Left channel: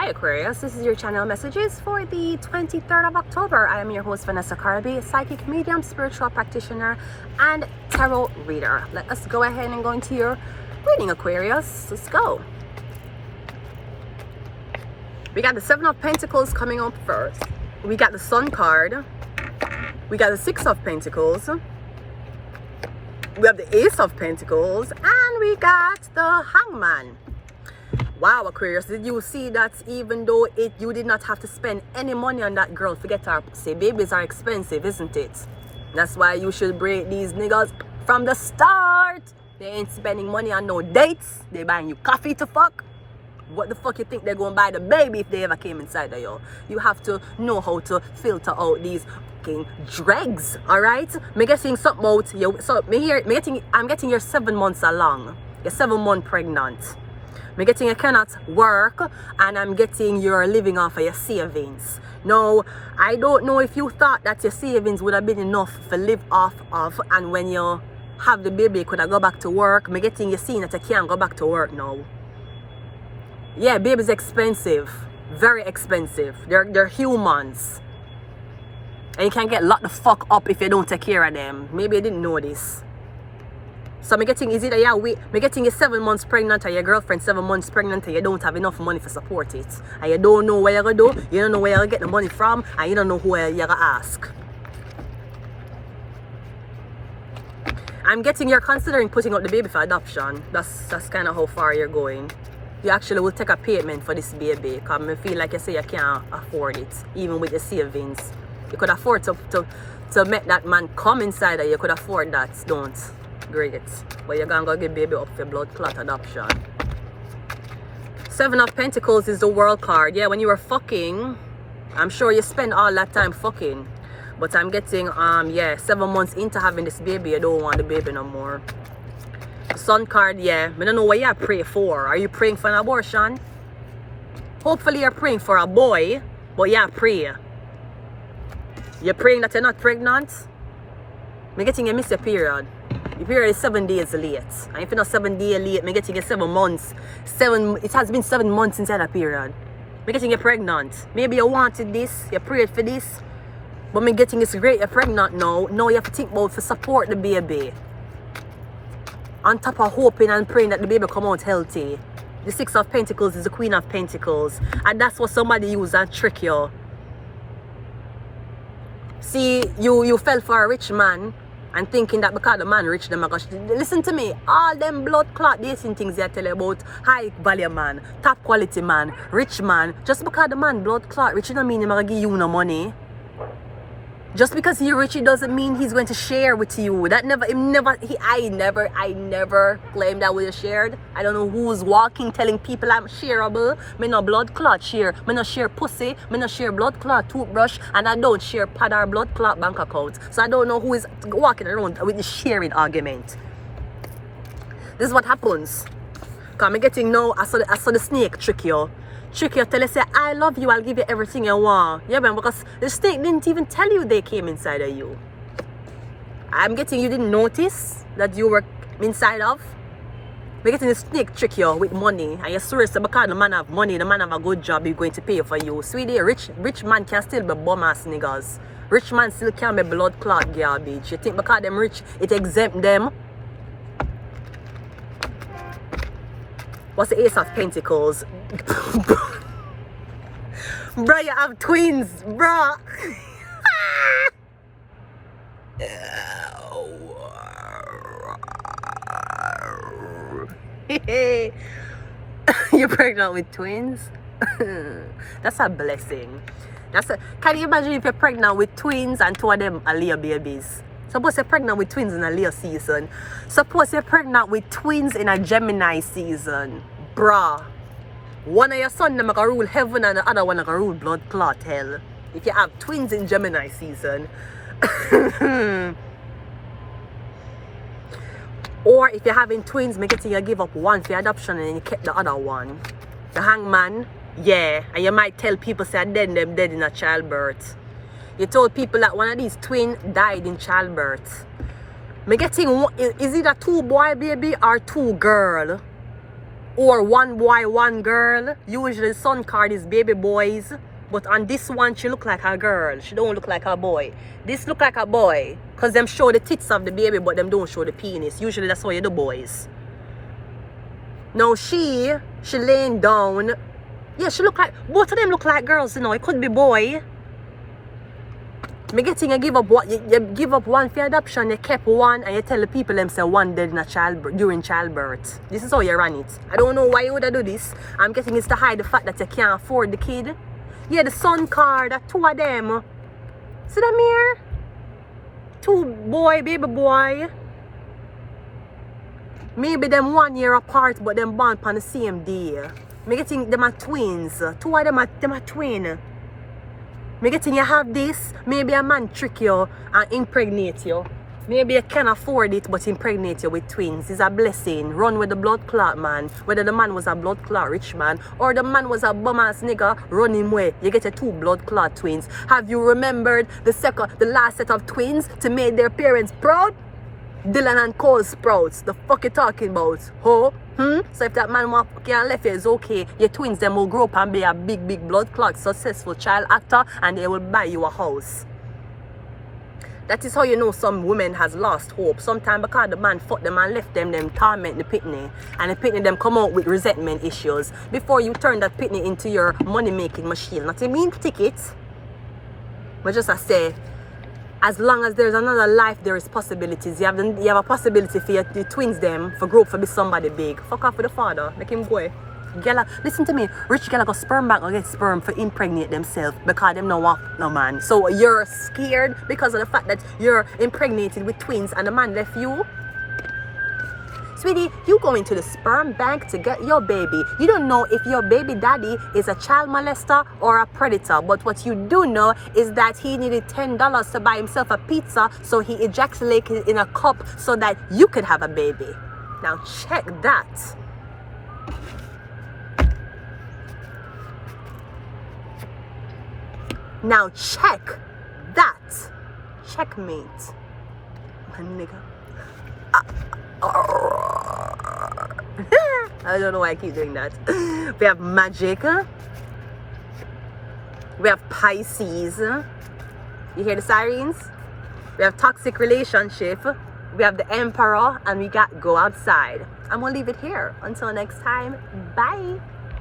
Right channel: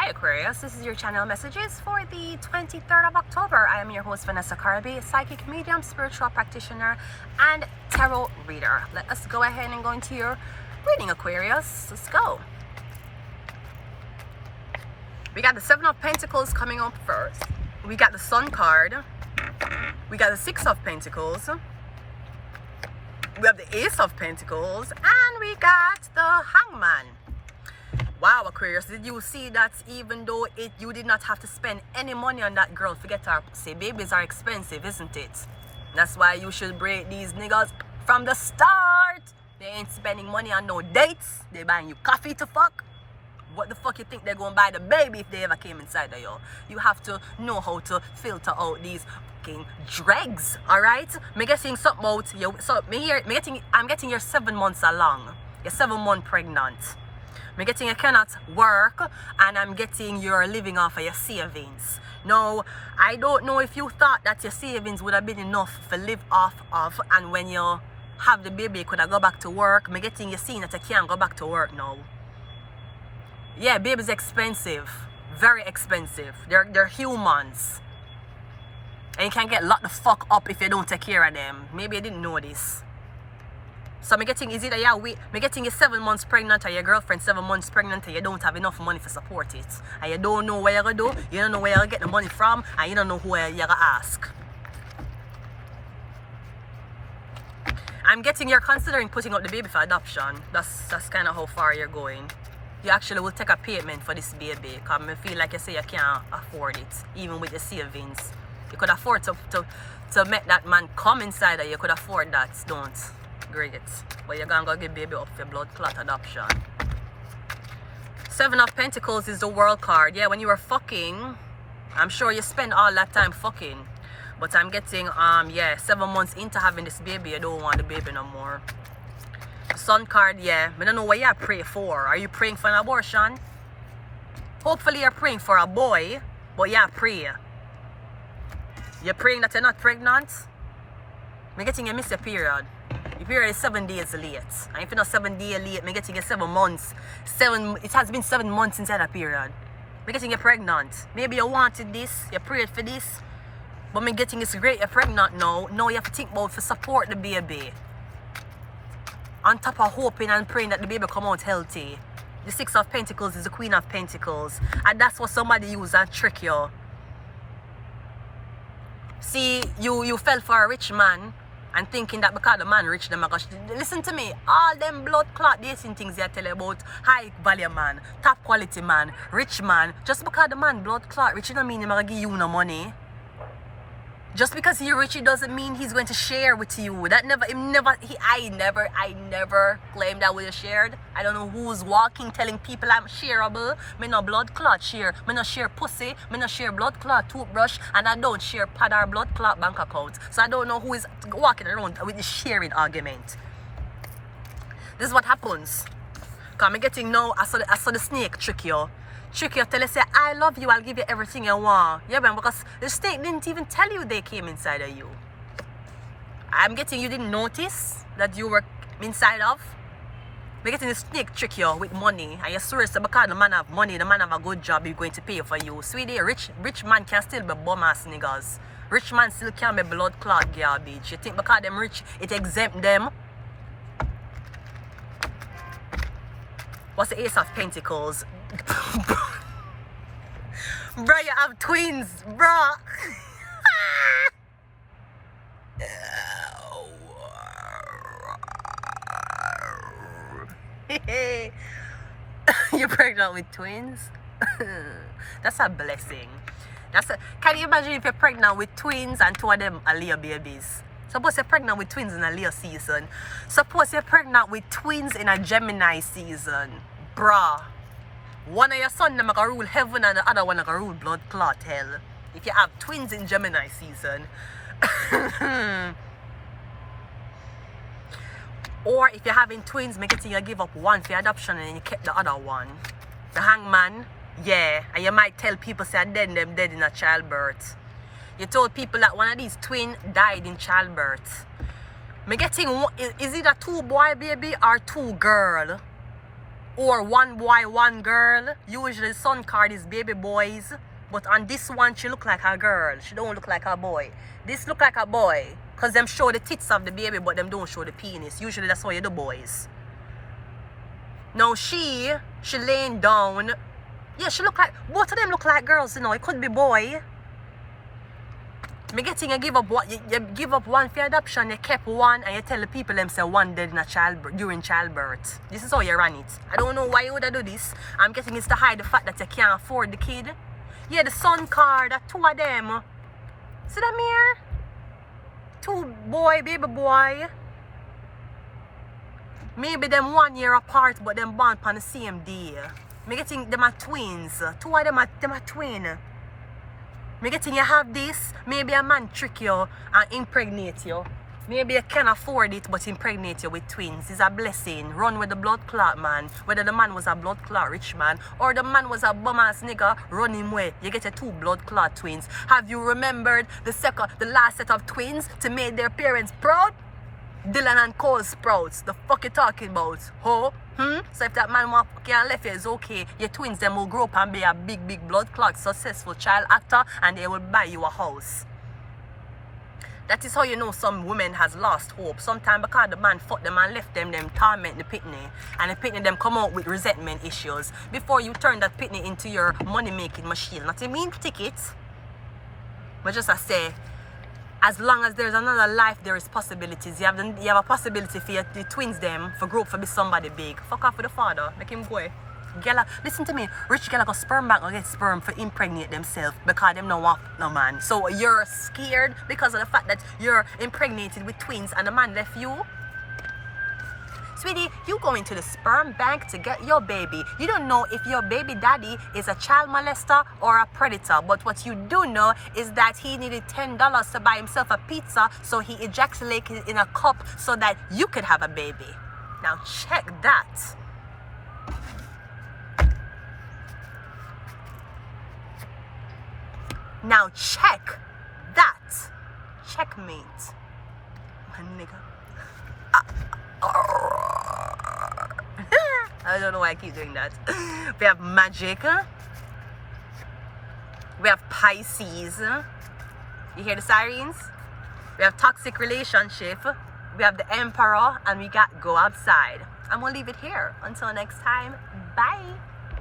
Hi Aquarius, this is your channel messages for the 23rd of October. I am your host Vanessa Carby, psychic medium, spiritual practitioner, and tarot reader. Let us go ahead and go into your reading, Aquarius. Let's go. We got the Seven of Pentacles coming up first. We got the Sun card. We got the Six of Pentacles. We have the Ace of Pentacles, and we got the Hangman. Wow, Aquarius, did you see that even though you did not have to spend any money on that girl, forget her, say babies are expensive, isn't it? That's why you should break these niggas from the start. They ain't spending money on no dates. They buying you coffee to fuck. What the fuck you think they're gonna buy the baby if they ever came inside of you? You have to know how to filter out these fucking dregs, alright? Me getting something out you. So I'm getting you're 7 months along. You're 7 months pregnant. I'm getting you cannot work, and I'm getting you're living off of your savings. Now, I don't know if you thought that your savings would have been enough to live off of, and when you have the baby, you could have go back to work. I'm getting you seeing that you can't go back to work now. Yeah, baby's expensive, very expensive. They're humans, and you can get locked the fuck up if you don't take care of them. Maybe you didn't know this. So I'm getting, is it that I'm getting you 7 months pregnant, or your girlfriend 7 months pregnant, and you don't have enough money to support it, and you don't know where you're gonna do, you don't know where you're gonna get the money from, and you don't know who you're gonna ask. I'm getting you're considering putting out the baby for adoption. That's kind of how far you're going. You actually will take a payment for this baby, because I feel like you say you can't afford it, even with your savings. You could afford to make that man come inside, and you could afford that. Don't. Great. But you're gonna go give baby up for blood clot adoption. Seven of Pentacles is the World card. Yeah, when you were fucking, I'm sure you spend all that time fucking. But I'm getting, yeah, 7 months into having this baby, you don't want the baby no more. Sun card, yeah. I don't know what you pray for. Are you praying for an abortion? Hopefully you're praying for a boy, but yeah, pray. You're praying that you're not pregnant? I'm getting you miss your period. Your period is 7 days late. And if you're not 7 days late, I'm getting you 7 months. It has been 7 months inside that period. I'm getting you pregnant. Maybe you wanted this, you prayed for this, but I'm getting it's great, you're pregnant now. Now you have to think about to support the baby. On top of hoping and praying that the baby come out healthy. The Six of Pentacles is the Queen of Pentacles. And that's what somebody use and trick you. See, you fell for a rich man and thinking that because the man rich, them gosh. Listen to me, all them blood clot dating things they tell you about high value man, top quality man, rich man, just because the man blood clot rich, you don't mean he's gonna give you no money. Just because he's rich, it doesn't mean he's going to share with you. I never claimed that we shared. I don't know who's walking telling people I'm shareable. Me no blood clot share. Me no share pussy. Me no share blood clot toothbrush. And I don't share pad or blood clot bank account. So I don't know who is walking around with the sharing argument. This is what happens. Because I'm getting now, I saw the snake trick you. Trick you, tell you, say, I love you, I'll give you everything you want. Yeah, man, because the snake didn't even tell you they came inside of you. I'm getting you didn't notice that you were inside of. I'm getting the snake trick you with money. And you're serious because the man have money, the man have a good job, he's going to pay for you. Sweetie, rich man can still be bum ass niggas. Rich man still can be blood clot garbage. You think because them rich, it exempt them? What's the Ace of Pentacles? Bro, you have twins, bro. You're pregnant with twins? That's a blessing. Can you imagine if you're pregnant with twins and 2 of them are Leo babies? Suppose you're pregnant with twins in a Leo season. Suppose you're pregnant with twins in a Gemini season. Bruh. One of your sons them gonna rule heaven and the other one gonna rule blood clot hell. If you have twins in Gemini season. Or if you're having twins, make it you give up one for adoption and then you keep the other one. The Hangman, yeah. And you might tell people say them dead in a childbirth. You told people that one of these twins died in childbirth. Me getting, is it a 2 boy baby or 2 girl? or one boy, one girl. Usually the sun card is baby boys, but on this one she look like a girl. She don't look like a boy. This look like a boy, cause them show the tits of the baby, but them don't show the penis. Usually that's how you do boys. Now she laying down. Yeah, she look like, both of them look like girls, you know. It could be boy. Me getting you give up what you give up one for adoption, you kept one, and you tell the people them say one dead in a during childbirth. This is how you run it. I don't know why you would do this. I'm getting it's to hide the fact that you can't afford the kid. Yeah, the son card, two of them. See them here? Two boy, baby boy. Maybe them 1 year apart, but them born on the same day. Me getting them are twins. Two of them are twin. Me getting you have this, maybe a man trick you and impregnate you. Maybe you can afford it but impregnate you with twins. It's a blessing. Run with the blood clot man. Whether the man was a blood clot rich man or the man was a bum ass nigga, run him way. You get your two blood clot twins. Have you remembered the last set of twins to make their parents proud? Dylan and Cole Sprouts. The fuck you talking about? Ho? So if that man can left you, it's okay. Your twins them will grow up and be a big blood clot successful child actor, and they will buy you a house. That is how you know some women has lost hope. Sometimes because the man fucked them and left them torment the pitney, and the pitney them come out with resentment issues before you turn that pitney into your money making machine. Not a mean ticket, but just I say, as long as there's another life, there is possibilities. You have a possibility for your twins them for grow up for be somebody big. Fuck off with the father. Make him go. Gala, listen to me. Rich gala go sperm bank or get sperm for impregnate themselves because them no want no man. So you're scared because of the fact that you're impregnated with twins and the man left you. Sweetie, you go into the sperm bank to get your baby. You don't know if your baby daddy is a child molester or a predator. But what you do know is that he needed $10 to buy himself a pizza, so he ejaculated in a cup so that you could have a baby. Now check that. Now check that. Checkmate. My nigga. I don't know why I keep doing that. We have Magic. We have Pisces. You hear the sirens? We have Toxic Relationship. We have the Emperor. And we got Go Outside. I'm going to leave it here. Until next time. Bye.